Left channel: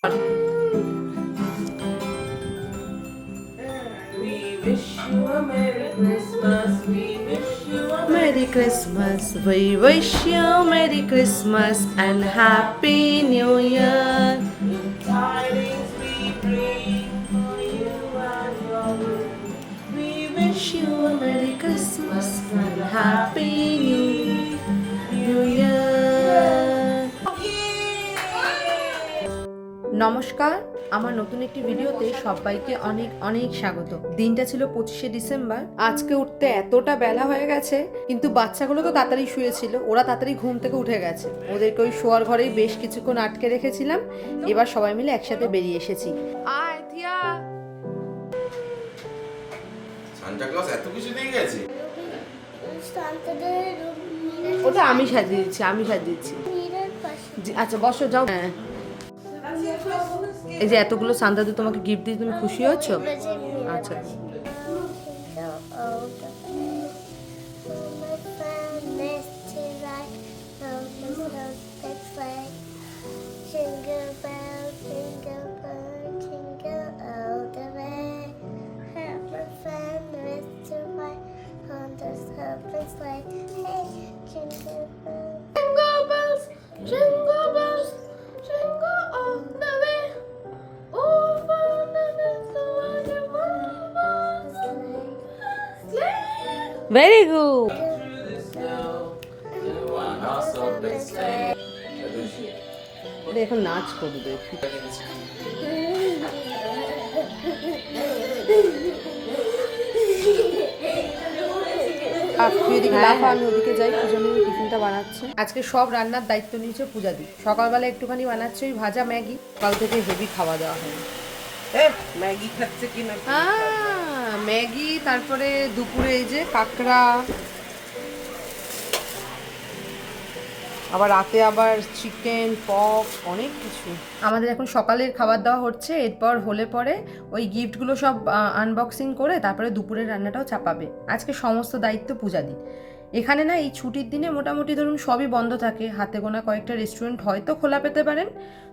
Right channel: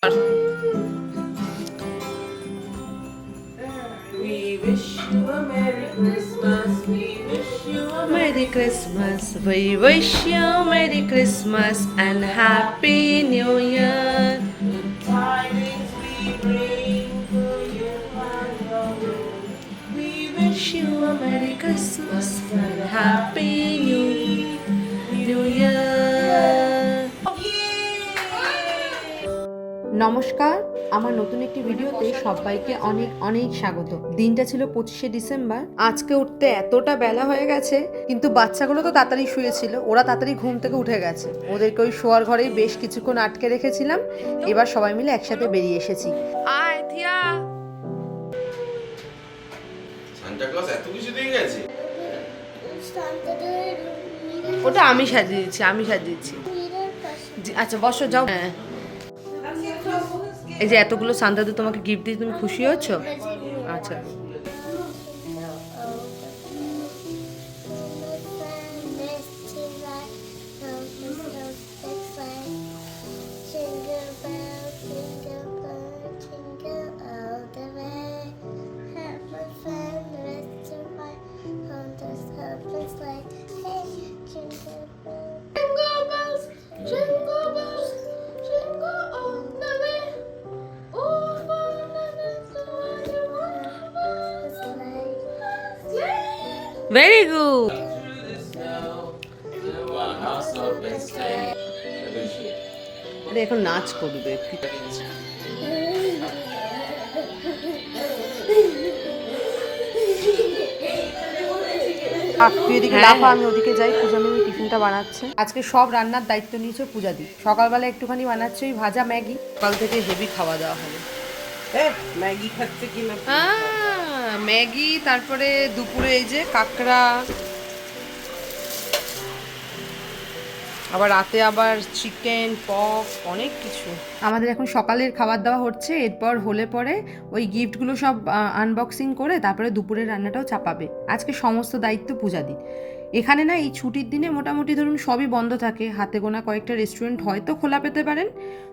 We wish you a Merry Christmas. We wish you a Merry Christmas. We wish you a Merry Christmas and Happy New Year. নমস্কার। আমার নতুন একটি ভিডিওতে সবাইকে অনেক অনেক স্বাগত। দিনটা ছিল পঁচিশে ডিসেম্বর। আজকে উঠতে এতটা বেলা হয়ে গেছে কিন্তু বাচ্চাগুলো তো তাড়াতাড়ি শুয়েছিল। ওরা তাড়াতাড়ি ঘুম থেকে উঠে গেছে। ওদেরকে ওই শোয়ার ঘরেই বেশ কিছুক্ষণ আটকে রেখেছিলাম। এবার সবাই মিলে একসাথে বেরিয়ে এসেছি। আয় থিয়া। এত কিছু দিয়ে গেছে? ওটা আমি সাজিয়ে দিচ্ছি আমি সাজিয়ে দিচ্ছি। আচ্ছা বসো যাও। হ্যাঁ। এই যে এতগুলো সান্দাদু তোমাকে গিফট দিয়ে তুমি খুশি হচ্ছ আচ্ছা। ভেরি গুড এখন নাচ করবে তুই। এদিকে লাফা আমি ওদিকে যাই। পূজা মিমি টিফিনটা বানাচ্ছে। আজকে সব রান্নার দায়িত্ব নিয়েছে পূজা দি সকালবেলা একটুখানি বানাচ্ছে ওই ভাজা ম্যাগি। সকাল থেকে হেভি খাওয়া দাওয়া হবে। ম্যাগি খাচ্ছে কিনা আহ, ম্যাগি, তারপরে দুপুরে এই যে কাঁকড়া। আবার রাতে আবার চিকেন পক অনেক কিছু। আমাদের এখন সকালের খাবার দাওয়া হচ্ছে, এরপর হলে পরে ওই গিফটগুলো সব আনবক্সিং করে তারপরে দুপুরের রান্নাটাও চাপাবে। আজকে সমস্ত দায়িত্ব পূজা দি এখানে না এই ছুটির দিনে মোটামুটি ধরুন সবই বন্ধ থাকে। হাতে গোনা কয়েকটা রেস্টুরেন্ট হয়তো খোলা পেতে পারেন।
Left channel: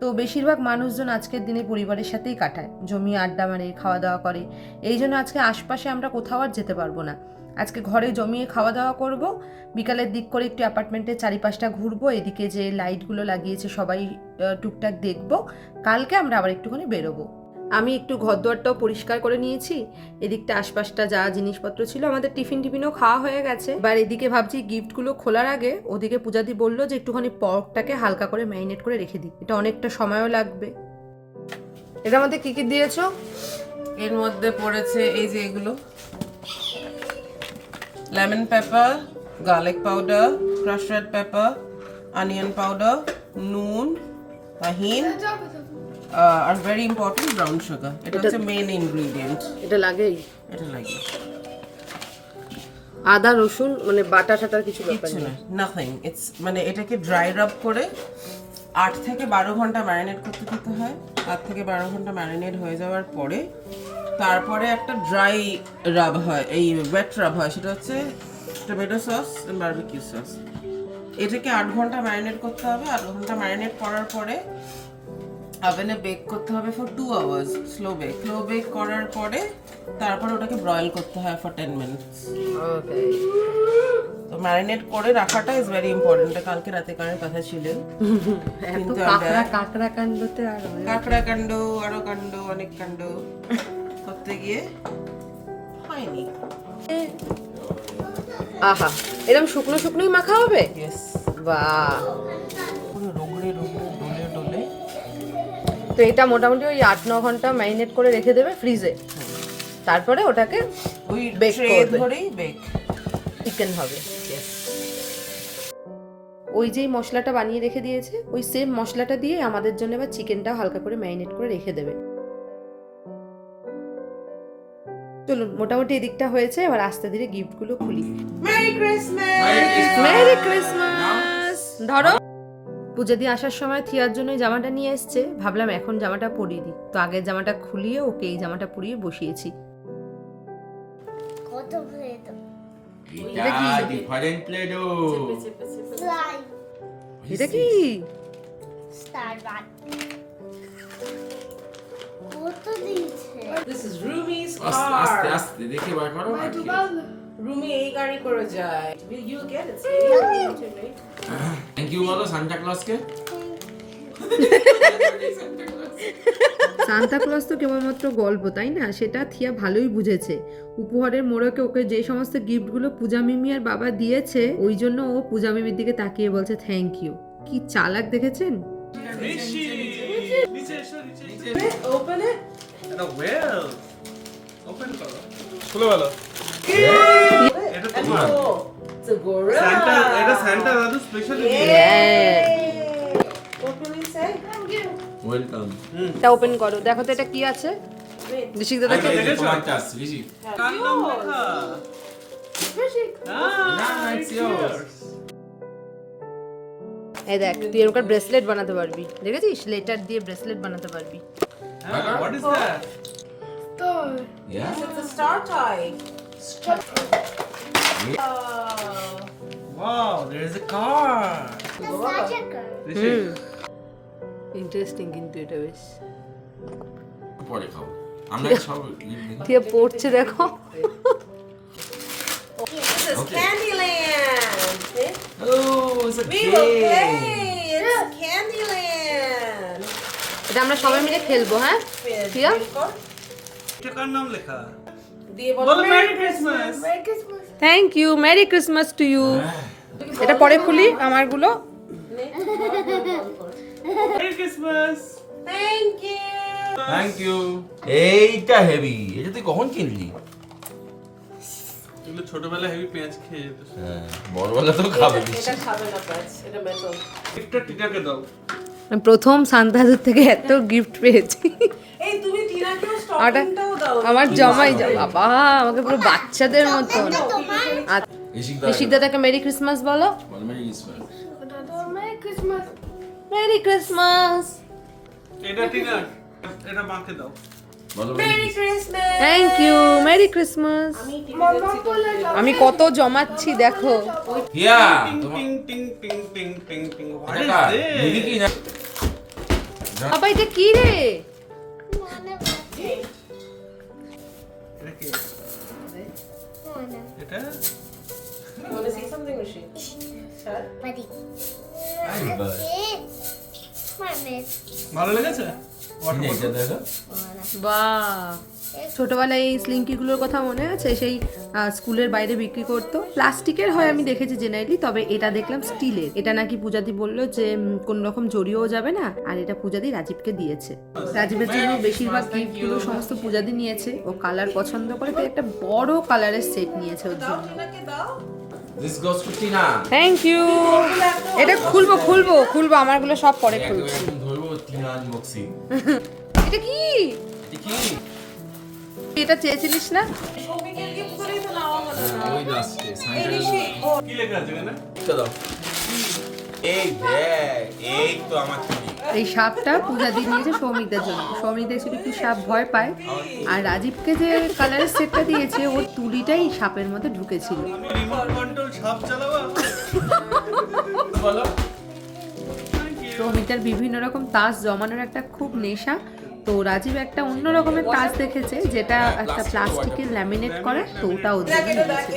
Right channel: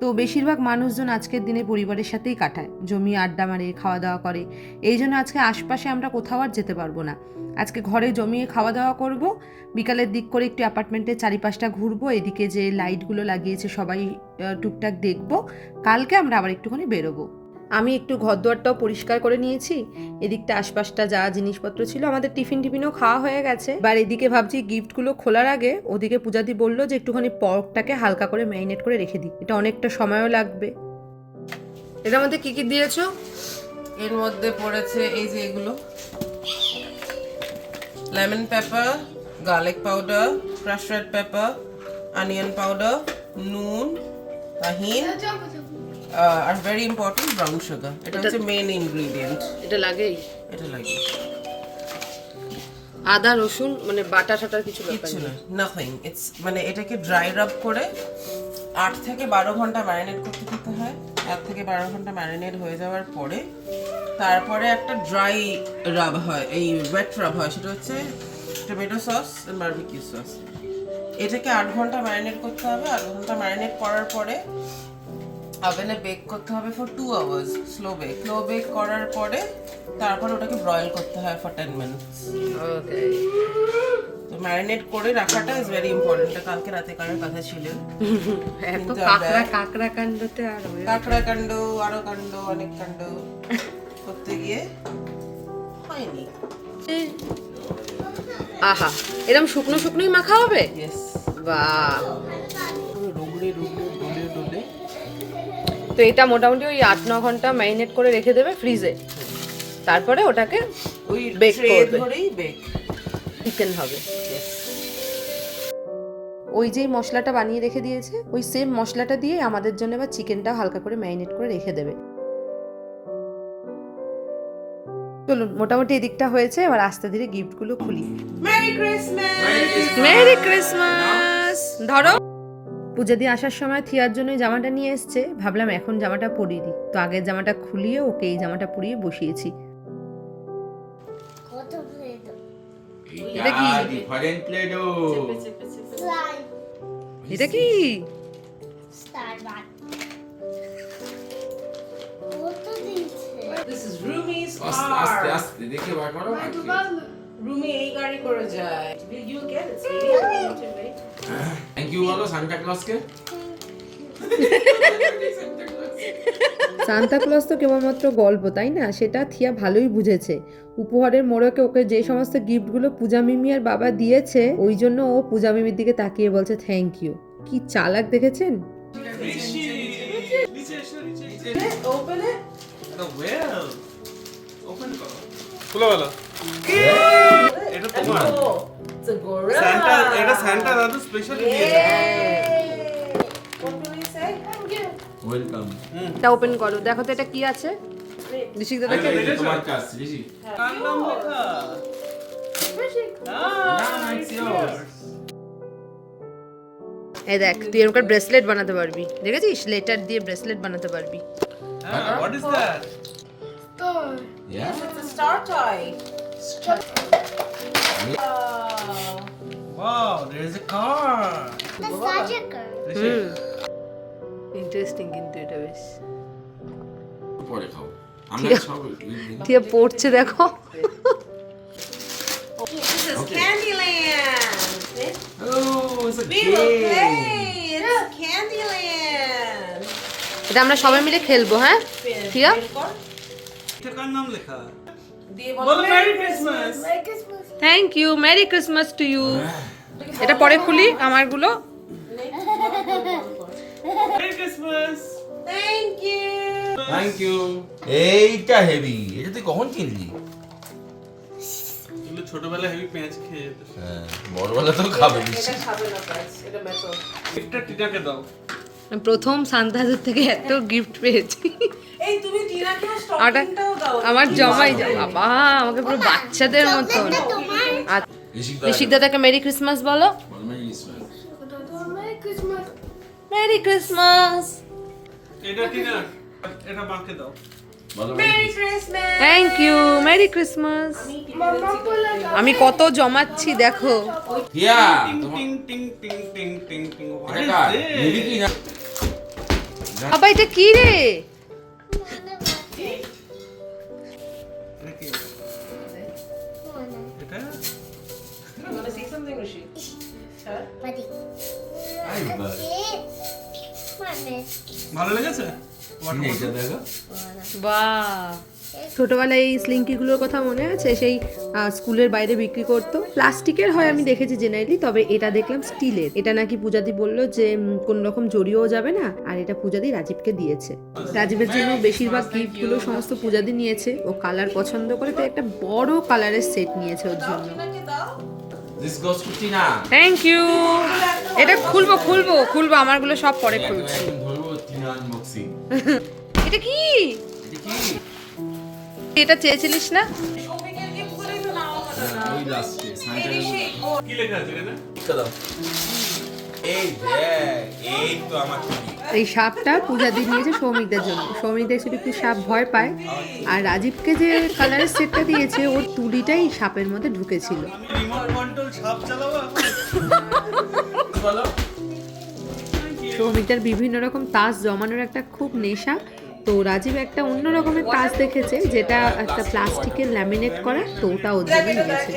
তো বেশিরভাগ মানুষজন আজকের দিনে পরিবারের সাথেই কাটায়। জমি আড্ডা মারে খাওয়া দাওয়া করে। এই জন্য আজকে আশপাশে আমরা কোথাও আর যেতে পারব না। আজকে ঘরে জমিয়ে খাওয়া দাওয়া করব। বিকালের দিক করে একটু অ্যাপার্টমেন্টের চারিপাশটা ঘুরবো। এদিকে যে লাইটগুলো লাগিয়েছে সবাই টুকটাক দেখব। কালকে আমরা আবার একটুখানি বেরোবো। আমি একটু ঘরদুয়ারটাও পরিষ্কার করে নিয়েছি। এদিকটা আশপাশটা যা জিনিসপত্র ছিল আমাদের টিফিন টিফিনও খাওয়া হয়ে গেছে। এবার এদিকে ভাবছি গিফটগুলো খোলার আগে ওদিকে পূজাদি বলল যে একটুখানি পর্কটাকে হালকা করে ম্যারিনেট করে রেখে দিই। এটা অনেকটা সময়ও লাগবে। এটার মধ্যে কী কী দিয়েছ? এর মধ্যে পড়েছে এই যে এগুলো। Lemon pepper, garlic powder crush red pepper, onion powder, নুন, তাহিন। আর ভেরি ইম্পর্টেন্ট ব্রাউন সুগার এটা হচ্ছে মেন ইনগ্রিডিয়েন্ট এটা লাগেই। এটা লাগে আদা রসুন মানে বাটা টাটার কিছু নেই। না নাথিং ইটস মানে এটাকে ড্রাই রাব করে আট থেকে বারো ঘণ্টা ম্যারিনেট করতে দিতে হয়। আট থেকে বারো ঘণ্টা ম্যারিনেট হয়ে যাওয়ার পরে তারপরে একটা ড্রাই রাব হয় এই ওয়েট রাব হয় সেটা হচ্ছে টমেটো সস বারবিকিউ সস এটাকে আট ঘণ্টা ম্যারিনেট করতে হবে। আট ঘণ্টা ম্যারিনেট করার পরে ওভেনে বেক করতে হবে for two hours slow bake slow bake করার পরে তারপর ওটাকে ব্রয়েল করতে হয় ফর টেন মিনিটস ওকে তো ম্যারিনেট করে রাখাটা ইজ ভেরি ইম্পর্টেন্ট কালকে রাতে করার কথা ছিল। এত কাঁকড়া কাঁকড়া কাণ্ডতে আর কাঁকড়া কাণ্ড আরও কাণ্ড অনেক কাণ্ড করতে গিয়ে হয়নি। আহা এরকম শুকনো শুকনোই মাখা হবে? বাহ। রোগড়ে রোগড়ে তো এটা মোটামুটি ওই আট ন ঘণ্টা ম্যারিনেট করে রেখে দেবে ফ্রিজে। তারপরে ওটাকে ওই করবে। বেক চিকেন হবে। ওই যেই মশলাটা বানিয়ে রেখে দিয়েছে ওই সেম মশলাটা দিয়ে আমাদের জন্য এবার চিকেনটাও হালকা করে ম্যারিনেট করে রেখে দেবে। চলুন মোটামুটি এদিকটা হয়েছে এবার আস্তে ধীরে গিফটগুলো খুলি। মেরি ক্রিসমাস মেরি ক্রিসমাস ধরো। পুজো দিয়ে আসার সময় থিয়ার জন্য জামাটা নিয়ে এসছে। ভাবলাম এখন জামাটা পরিয়ে দিই। তো আগের জামাটা খুলিয়ে ওকে এই জামাটা পরিয়ে বসিয়েছি। কত ভরে তো এটা কি? এটা আস্তে আস্তে দেখে বার করো। রুমি এই গাড়ি করে যায়। You get it thank you বলো সান্টা ক্লজকে সান্তা ক্লজ তো কেবলমাত্র গল্প তাই না? সেটা থিয়া ভালোই বুঝেছে। উপহারের মোড়কে ওকে যে সমস্ত গিফটগুলো পূজা মিমি আর বাবা দিয়েছে ওই জন্য ও পূজা মিমির দিকে তাকিয়ে বলছে থ্যাংক ইউ কি চালাক দেখেছেন? ওপেন ইট এটা ওয়েল ওপেন করো। খুলে গেল এটা A gorilla. স্যান্টা এটা স্যান্টা দাদু স্পেশালি Yay! What say? এটা ওপেন করো। দেখো তো এটা কি আছে? ঋষিক দাদা তোমার চার্জ ঋষি কার নাম লেখা? না না ইটস ইয়োরস এই দেখ তুই এরকম ব্রেসলেট বানাতে পারবি। দেখেছিস? লেটার দিয়ে ব্রেসলেট বানাতে পারবি। What is that Yes, it's a star toy. Wow. Wow, there is a car. Interesting কিন্তু এটা বেশ পরে খাও আমি সব টিয়া পড়ছে দেখো Candyland. Oh, it's a we will play. It's Candyland. এটা আমরা সবাই মিলে খেলব হ্যাঁ ঠিক আছে নাম লেখা দিয়ে বলো merry Christmas thank you merry Christmas to you এটা পরে খুলি আমারগুলো। Merry Christmas. থ্যাংক ইউ এইটা হেভি। এটা তুই কখন কিনলি? এগুলো ছোটবেলা হেভি পেঁয়াজ খেয়ে যেত। হ্যাঁ বড়বেলা তো খাবে বেশি। এটা খাবে না প্রাইস এটা মেটাল গিফটটা টিনাকে দাও। প্রথম সান্তাদের থেকে এত গিফট পেয়েছি এই তুমি টিনাকে আটা স্টকিংটাও দাও আমার জমাই বাবা আমাকে পুরো বাচ্চাদের মতন ঋষিক দাদাকে মেরি ক্রিসমাস বলো Merry Christmas. মেরি ক্রিসমাস এটা টিনা এটা মাকে দাও merry Christmas thank you merry Christmas আমি কত জমাচ্ছি দেখো বাবা এটা কি রে. ভালো লেগেছে বা ছোটবেলায় এই স্লিঙ্কিগুলোর কথা মনে আছে? সেই স্কুলের বাইরে বিক্রি করতো? প্লাস্টিকের হয় আমি দেখেছি জেনারেলি তবে এটা দেখলাম স্টিলের। এটা নাকি পূজাদি বলল যে কোন রকম জড়িয়েও যাবে না আর এটা পূজাদি রাজীবকে দিয়েছে। রাজীবের জন্য বেশিরভাগ গিফটগুলো সমস্ত পূজাদি নিয়েছে। ও কালার পছন্দ করে তো একটা বড় কালারের সেট নিয়েছে ওর জন্য। টিনাকে দাও this goes to Tina thank you এটা খুলবো খুলবো খুলবো আমারগুলো সব পরে খুলছি। আনবক্সিং। এটা কি? এটা কি? এটা চেয়েছিলিস না? ওই লাস্টে এই কি লেখা আছে এখানে? টিকা দাও। এই দেখ এই তো আমার এই সাপটা পূজা দিয়ে নিয়েছে সৌমিকদের জন্য। সৌমিকদের একটু একটু সাপ ভয় পায়। আর রাজীবকে যে কালারের সেটটা দিয়েছে ওর তুলিটাই সাপের মধ্যে ঢুকেছিল। রিমোট কন্ট্রোল সাপ চালাবো বলো। সৌমিকদের বিভিন্ন রকম তাস জমানোর একটা খুব নেশা। তো রাজীব একটা অন্য রকমের তাস দেখেছে যেটা একটা প্লাস্টিকের ল্যামিনেট করা তো ওটা ওর জন্য নিয়েছে।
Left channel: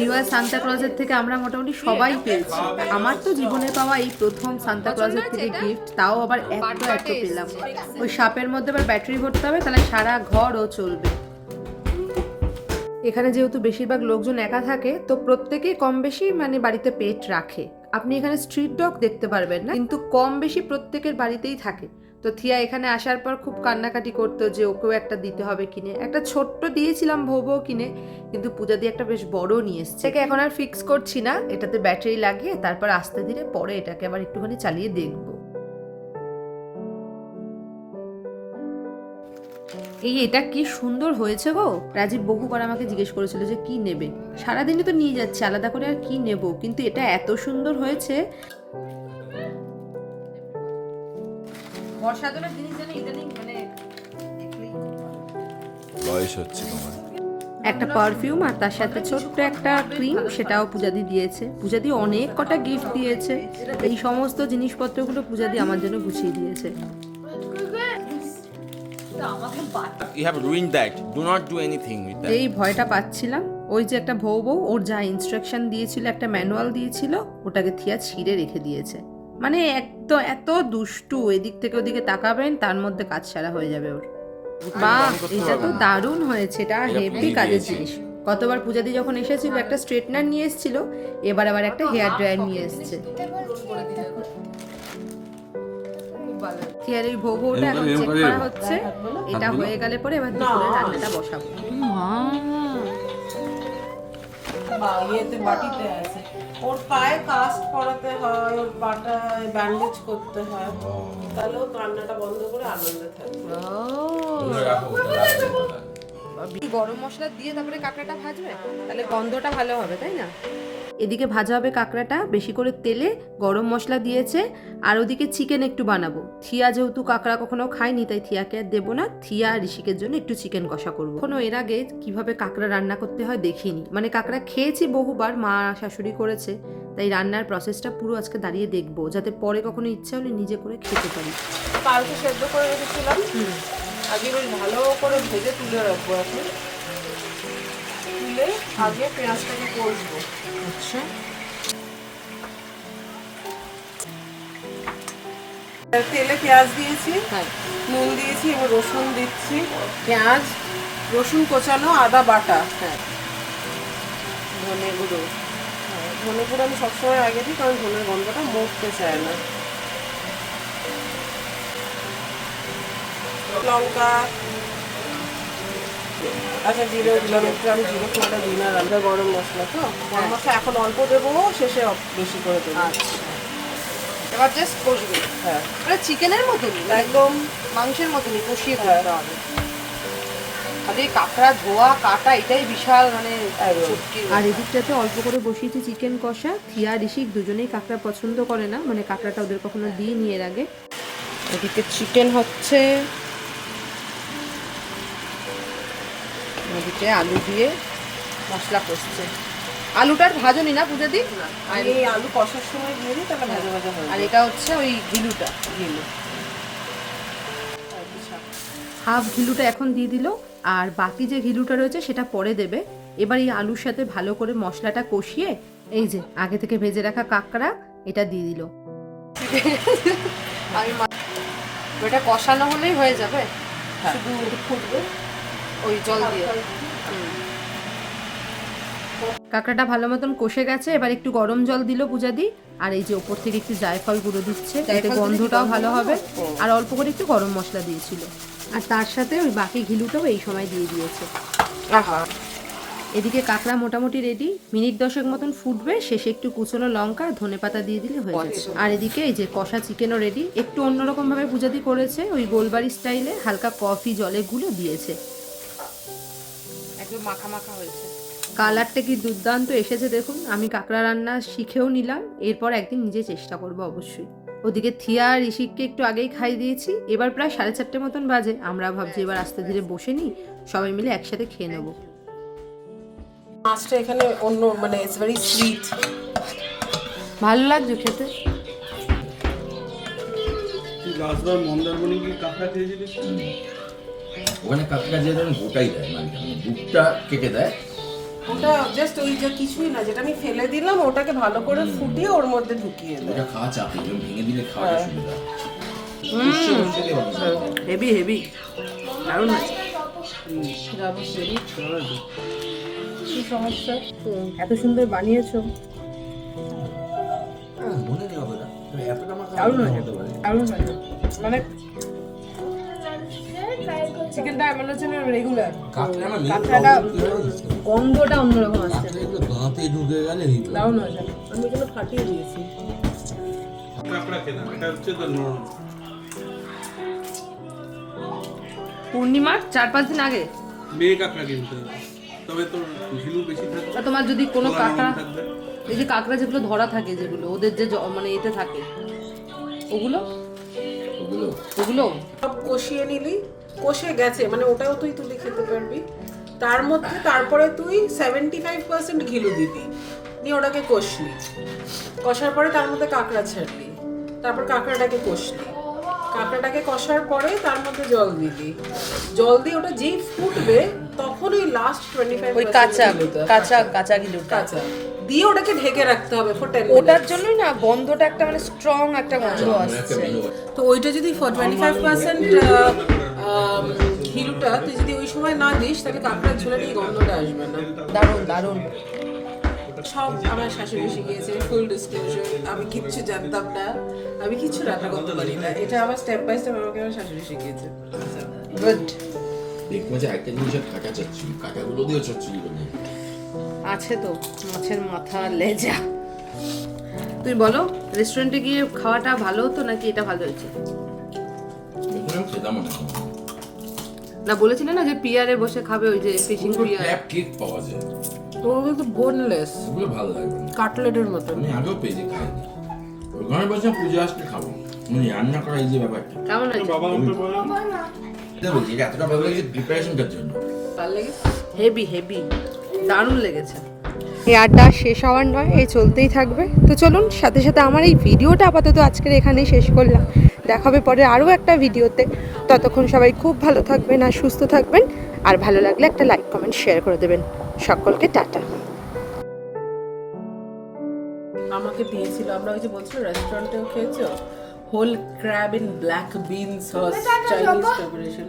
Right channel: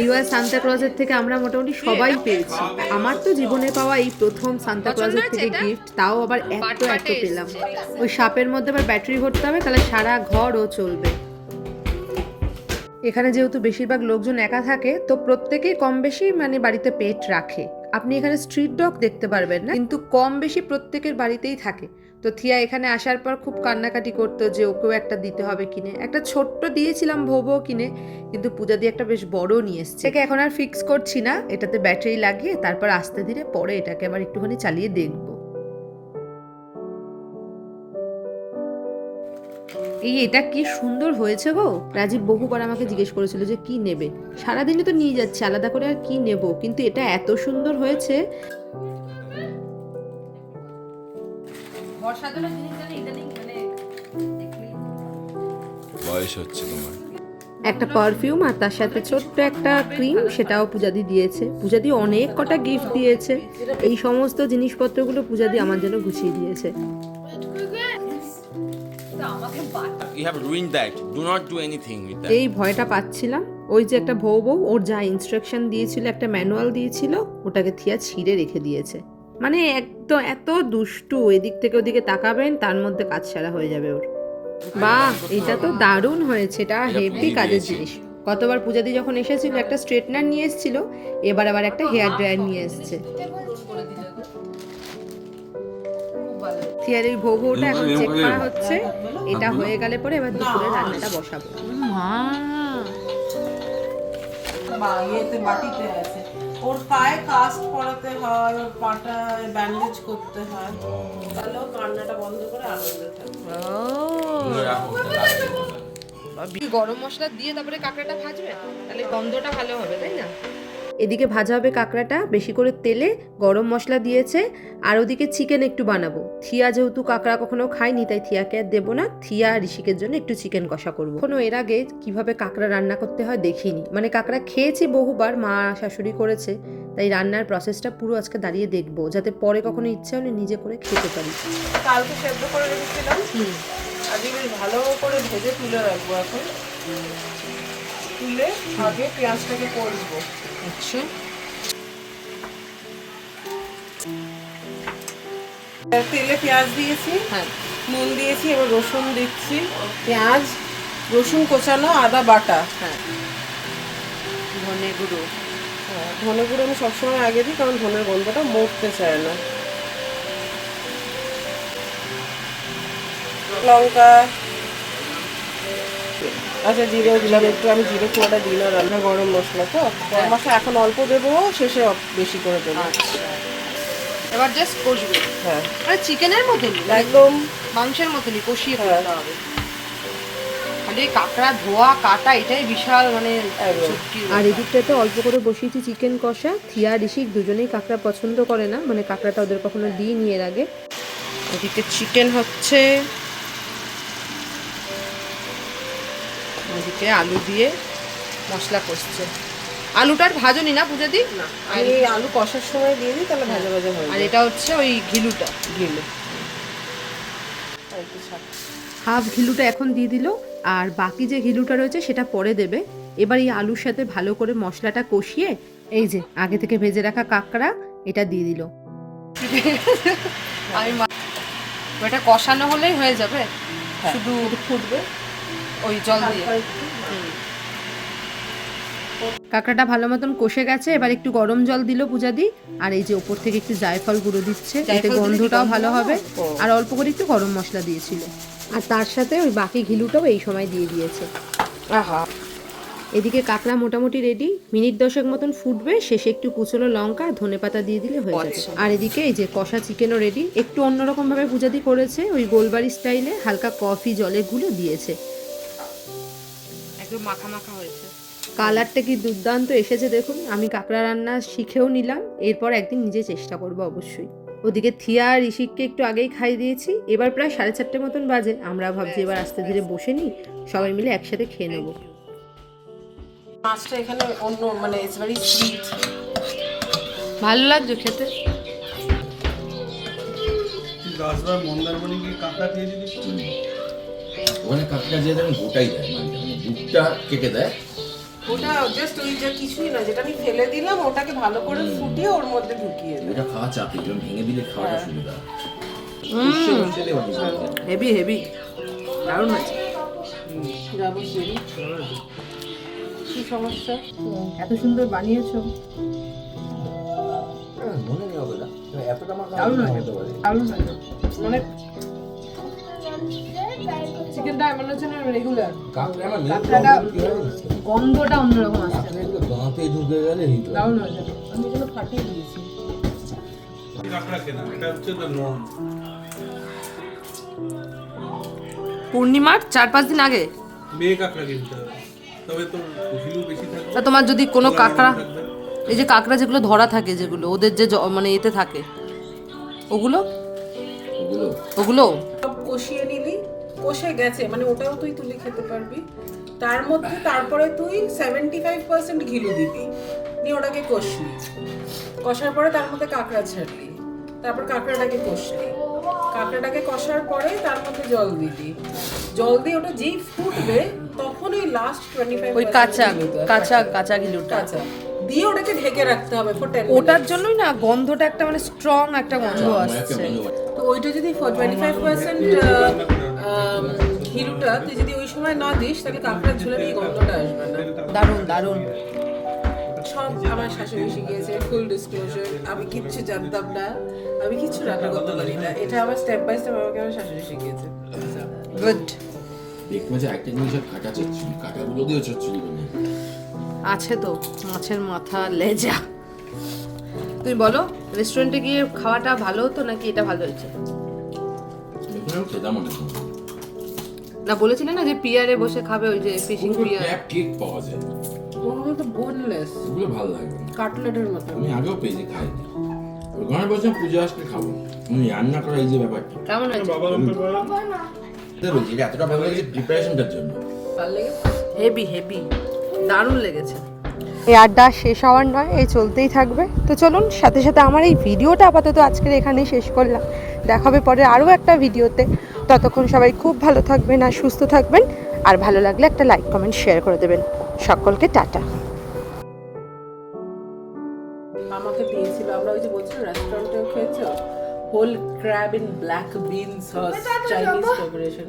এইবার সান্তা ক্লজের থেকে আমরা মোটামুটি সবাই পেয়েছি। আমার তো জীবনে পাওয়া এই প্রথম সান্তা ক্লজের থেকে গিফট তাও আবার এত এত পেলাম। ওই সাপের মধ্যে আবার ব্যাটারি ভরতে হবে তাহলে সারা ঘর ও চলবে। এখানে যেহেতু বেশিরভাগ লোকজন একা থাকে, তো প্রত্যেকেই কম বেশি মানে বাড়িতে পেট রাখে। আপনি এখানে স্ট্রিট ডগ দেখতে পারবেন না, কিন্তু কম বেশি প্রত্যেকের বাড়িতেই থাকে। তো থিয়া এখানে আসার পর খুব কান্নাকাটি করতো যে ওকেও একটা দিতে হবে কিনে। একটা ছোট্ট দিয়েছিলাম ভোবো কিনে, কিন্তু পূজা দিয়ে একটা বেশ বড় নিয়ে এসছে। এখন আর ফিক্স করছি না, এটাতে ব্যাটারি লাগিয়ে তারপর আস্তে ধীরে পরে এটাকে আবার একটুখানি চালিয়ে দেখব। এই এটা কি সুন্দর হয়েছে গো? রাজীব বহুবার আমাকে জিজ্ঞেস করেছিল যে কি নেবে। সারাদিনই তো নিয়ে যাচ্ছে আলাদা করে আর কি নেব? কিন্তু এটা এত সুন্দর হয়েছে। বর্ষাদলের জিনিস জানি ইদানিং মানে বয়স হচ্ছে তোমার। একটা পারফিউম আর তার সাথে ছোট্ট একটা ক্রিম সেটাও পূজাদি দিয়েছে। পূজাদি অনেক কটা গিফট দিয়েছে। এই সমস্ত জিনিসপত্রগুলো পূজাদি আমার জন্য গুছিয়ে দিয়েছে। You have ruined that. Do not do anything with that. এই ভয়টা পাচ্ছিলাম। ওই যে একটা বউ বউ ওর যা ইনস্ট্রাকশন দিয়েছিল একটা ম্যানুয়াল দিয়েছিল ওটাকে থিয়া ছিঁড়ে রেখে দিয়েছে। মানে একদম এত দুষ্টু এদিক থেকে ওদিকে তাকাবেন তার মধ্যে কাজ সারা হয়ে যাবে ওর। বাহ এটা তো দারুণ হয়েছে এটা হেভি কাজের। জিনিস। গতবার পূজাদি যখন এসেছিল একটা স্ট্রেটনার নিয়ে এসেছিল এবার আবার একটা হেয়ার ড্রায়ার নিয়ে এসেছে। থিয়ার এই ভৌ ভৌটা এখন চেক করা হচ্ছে। এটা হয়ে গেলে পরে এবার দুপুরে রান্নাটা বসাবো। মা। ইয়েতে বাটিতে আছে। ওর পায়ে কাস্ট হয় ওর পাটা ব্যান্ডেজ করতে হয়। তাহলে ও কান্নাটা বন্ধ করে আনন্দে থাকবে। গরম মশলা দিয়ে তারপরে কাঁকড়াটা ভাজবে? তাহলে গন্ধটা ভালো হবে তাই না? এদিকে ভাজা হবে কাঁকড়াটা বেশি করে তেলে গরম মশলা দিয়েছে আর ওদিকে চিকেন একটু বানাবো। থিয়া যেহেতু কাঁকড়া কখনো খায়নি তাই থিয়াকে আর দেবো না। থিয়া আর ঋষিকের জন্য একটু চিকেন কষা করব। কোনো এর আগে কীভাবে কাঁকড়া রান্না করতে হয় দেখিনি। মানে কাঁকড়া খেয়েছি বহুবার মা শাশুড়ি করেছে তাই রান্নার প্রসেসটা পুরো আজকে দাঁড়িয়ে দেখব যাতে পরে কখনো ইচ্ছে হলে নিজে করে খেতে পারি। কালকে সেদ্ধ করে রেখেছিলাম। আজকে বেশ ভালো করে ভেজে তুলে রাখব এখন। তুলে আগে পেঁয়াজটাকে কষবো। আচ্ছা। তেলে পেঁয়াজ দিয়েছি হ্যাঁ। নুন দিয়েছি এবার রসুন দিচ্ছি। পেঁয়াজ রসুন কোচানো আদা বাটা। হ্যাঁ। ধনে গুঁড়ো। হ্যাঁ, ধনে গুঁড়ো আমি সবসময় আগে দিই কারণ ধনের গন্ধটা মরতে চায় না। লঙ্কা আচ্ছা দিলাম একটু আমি জিরে ফোড়াটা দিই না রান্না গরম মশলা তো গরম মশলা এখন অল্প দেবো শেষে বেশি করে দেবো। এবার জাস্ট কষবে। হ্যাঁ। মানে চিকেনের মতনই একদম। মাংসের মতনই কষিয়ে করতে হবে। খালি কাঁকড়া ধোয়া কাটা এটাই বিশাল মানে আর এদিকটাতে অল্প করে বসিয়েছি চিকেন কষা। থিয়া ঋষিক দুজনেই কাঁকড়া পছন্দ করে না মানে কাঁকড়াটা ওদের কখনো দিইনি এর আগে। এদিকে চিকেন হচ্ছে। ওদিকে আলু দিয়ে মশলা কষছে। আলুটার ভাজনি না পূজা দি আর এই আলু কষার সময় দিয়ে দিই তাহলে ভাজা ভাজা হয়ে আর এটা হচ্ছে ওই ঘিলুটা গেলে হাফ ঘিলুটা এখন দিয়ে দিল আর বাকি যে ঘিলুটা রয়েছে সেটা পরে দেবে। এবার এই আলুর সাথে ভালো করে মশলাটা কষিয়ে এই যে আগে থেকে ভেজে রাখা কাঁকড়া এটা দিয়ে দিল। আমি এটা কষানো হলেই হয়ে যাবে। শুধু ফুটবে। ওই জল দিয়ে। কাঁকড়াটা ভালো মতন কষে গেছে এবার একটু গরম জল দিল পূজা দি আর এই যে ওপর থেকে একটু জায়ফল গুঁড়ো দিচ্ছে এতে গন্ধটাও ভালো হবে। আর অল্প করে একটু গরম মশলা দিয়েছিল। আর তার সাথে ওই বাকি ঘিলুটাও এই সময় দিয়ে দিয়েছে। আহা। এদিকে কাঁকড়া মোটামুটি রেডি মিনিট দশেক মতন ফুটবে শেষে একটু কুচনো লঙ্কা ধনে পাতা দিয়ে দিলে হয়ে যাবে। আর এদিকে এই যে কষা চিকেনও রেডি একটু অন্যরকম ভাবে পূজাদি করেছে ওই গোলবাড়ি স্টাইলে হালকা কফি জলে গুলো দিয়েছে। একদম মাখা মাখা হয়েছে। কালারটা কি দুর্দান্ত এসেছে দেখুন। আমি কাঁকড়া রান্না শিখেও নিলাম। এরপর একদিন নিজে চেষ্টা করব অবশ্যই। ওদিকে থিয়া আর ঋষিককে একটু আগেই খাই দিয়েছি। এবার প্রায় সাড়ে চারটে মতন বাজে। আমরা ভাবছি এবার আস্তে ধীরে বসে নিই। সবাই মিলে একসাথে খেয়ে নেব। মাছটা এখানে অন্য মানে ইটস ভেরি সুইট ভালো লাগছে খেতে। লাস্টবার মন্দারমণি কি কাঁকড়া খেয়েছি দেখছি? ওখানে কাঁকড়া দিয়ে দেন গোটাই দেয় মালিক মানে দুধটা কেটে দেয়। ওটা জাস্ট ওই যে কিছুই না যেটা আমি ফেলে দিলাম ওটাকে ভালো করে ফুটিয়ে ওর মধ্যে ঢুকিয়ে দিই ওটা খাওয়া চাপে যেমন ভেঙে দিলে খাওয়াটা সুবিধা। Heavy heavy. দারুণ হয়েছে। কি সমস্যা? এত সুন্দর বানিয়েছো। দারুণ হয়েছে। দারুণ হয়েছে। মানে চিকেনটা হচ্ছে না রেগুলার কাঁকড়াটা গন্ধটা অন্যরকম আসছে। দারুণ হয়েছে আমি এগুলো ফাটিয়ে দিয়েছি। কাঁকড়া খেলাম এটা হচ্ছে তো নর্ম পূর্ণিমার চার পাঁচ দিন আগে? মেয়ে কাঁকড়া কিনতে হবে। তবে তোর বেশি থাকবে। তা তোমার যদি কোনো কাঁকড়া এই যে কাঁকড়া যেগুলো ধরা থাকে যেগুলো ওদের যে মানে এতে থাকে ওগুলো? ওগুলো। ওগুলো? সব কষিয়ে নিলি কষে গেছে মানে ওটাও তুই তুলে খেতে পারবি। তার মধ্যে তারপরে তুই সেভেন্টি ফাইভ পার্সেন্ট ঘিলু দিবি নিয়ে ওটাকে কষলি কষার পরে তার মধ্যে কাঁকড়া ছাড়লি তারপর কাঁকড়াটাকে কষলি কাঁকড়াটাকে কষার পরে তার মধ্যে জল দিবি। জল দিয়ে ওটা যেই ফুটবে তখন ওই লাস্ট টোয়েন্টি ফাইভ ওই কাঁচা কাঁচা কাঁচা গিলুটা কাঁচা। দিয়ে ওটাকে ঢেকে রাখতে হবে ফর টেন ওটার জন্যই না গন্ধটা একটা মানে স্ট্রং একটা গন্ধ আসছে। তো ওইটা যদি টোয়েন্টি ফাইভ পার্সেন্ট ঘিলুটা তুই যদি ওই সময় না দিস তাহলে কাঁকড়ার ঝোলের এই গন্ধটা আসবে না। দারুণ দারুণ। সব আমার শাশুড়ি শিখিয়েছে ফুল ডিসক্লোজার আমি কিচ্ছু জানতাম না। আমি কিচ্ছু রান্না করতে পারি না। এটা আমার স্টেপ বাই স্টেপ আমাকে আমার শাশুড়ি শিখিয়েছে। গুড দেখব যে একটা জিনিসের কাঁচা চচ্চড়ি কাঁচাগুলো দিয়ে চচ্চড়ি আছে তো মাছের মাথা লেজা। তুমি বলো রেস্টুরেন্টে গিয়ে খাওয়াটা ভালো হতো নাকি এটা ভালো হয়েছে? খেতাম অনেক না বলেছিলে না যে পিয়ারে বসে খাবে ওই যে ফিশিং পিয়ার? ক্র্যাব কেক পাওয়া যায়। ওগুলো তো বোনলেস এগুলো ভালো লাগবে না। কাটলেটের মতো। আমি আগেও পেয়েছি খাইনি। ওখানে বলছিলাম পুজো আসলে খাব। মানে রান্না করা এই যে ব্যাপারটা। কেমন আছে? বাবা আমাকে বলে। এটা বলছি এটা এতটা ভালো লাগছে প্রিপারেশনটার জন্য। ভালো লেগে হেভি হেভি দারুণ লেগেছে। এই আড্ডা শেষ হওয়ার নয় এই চলতেই থাকবে। তো চলুন সাথে সাথে আমার এই ভিডিওটা আপাতত আজকের এখানেই শেষ করলাম। দেখা হবে পরে আরও একটা ভিডিওতে। ততক্ষণ সবাই খুব ভালো থাকবেন আর সুস্থ থাকবেন। আর ভালো লাগলে একটা লাইক কমেন্ট শেয়ার করে দেবেন। সকলকে টাটা। আমাকে দিয়েছিল আমরা ওই যে বলছিল রেস্টুরেন্টেও খেয়েছো? Whole crab in black bean sauce Chinese preparation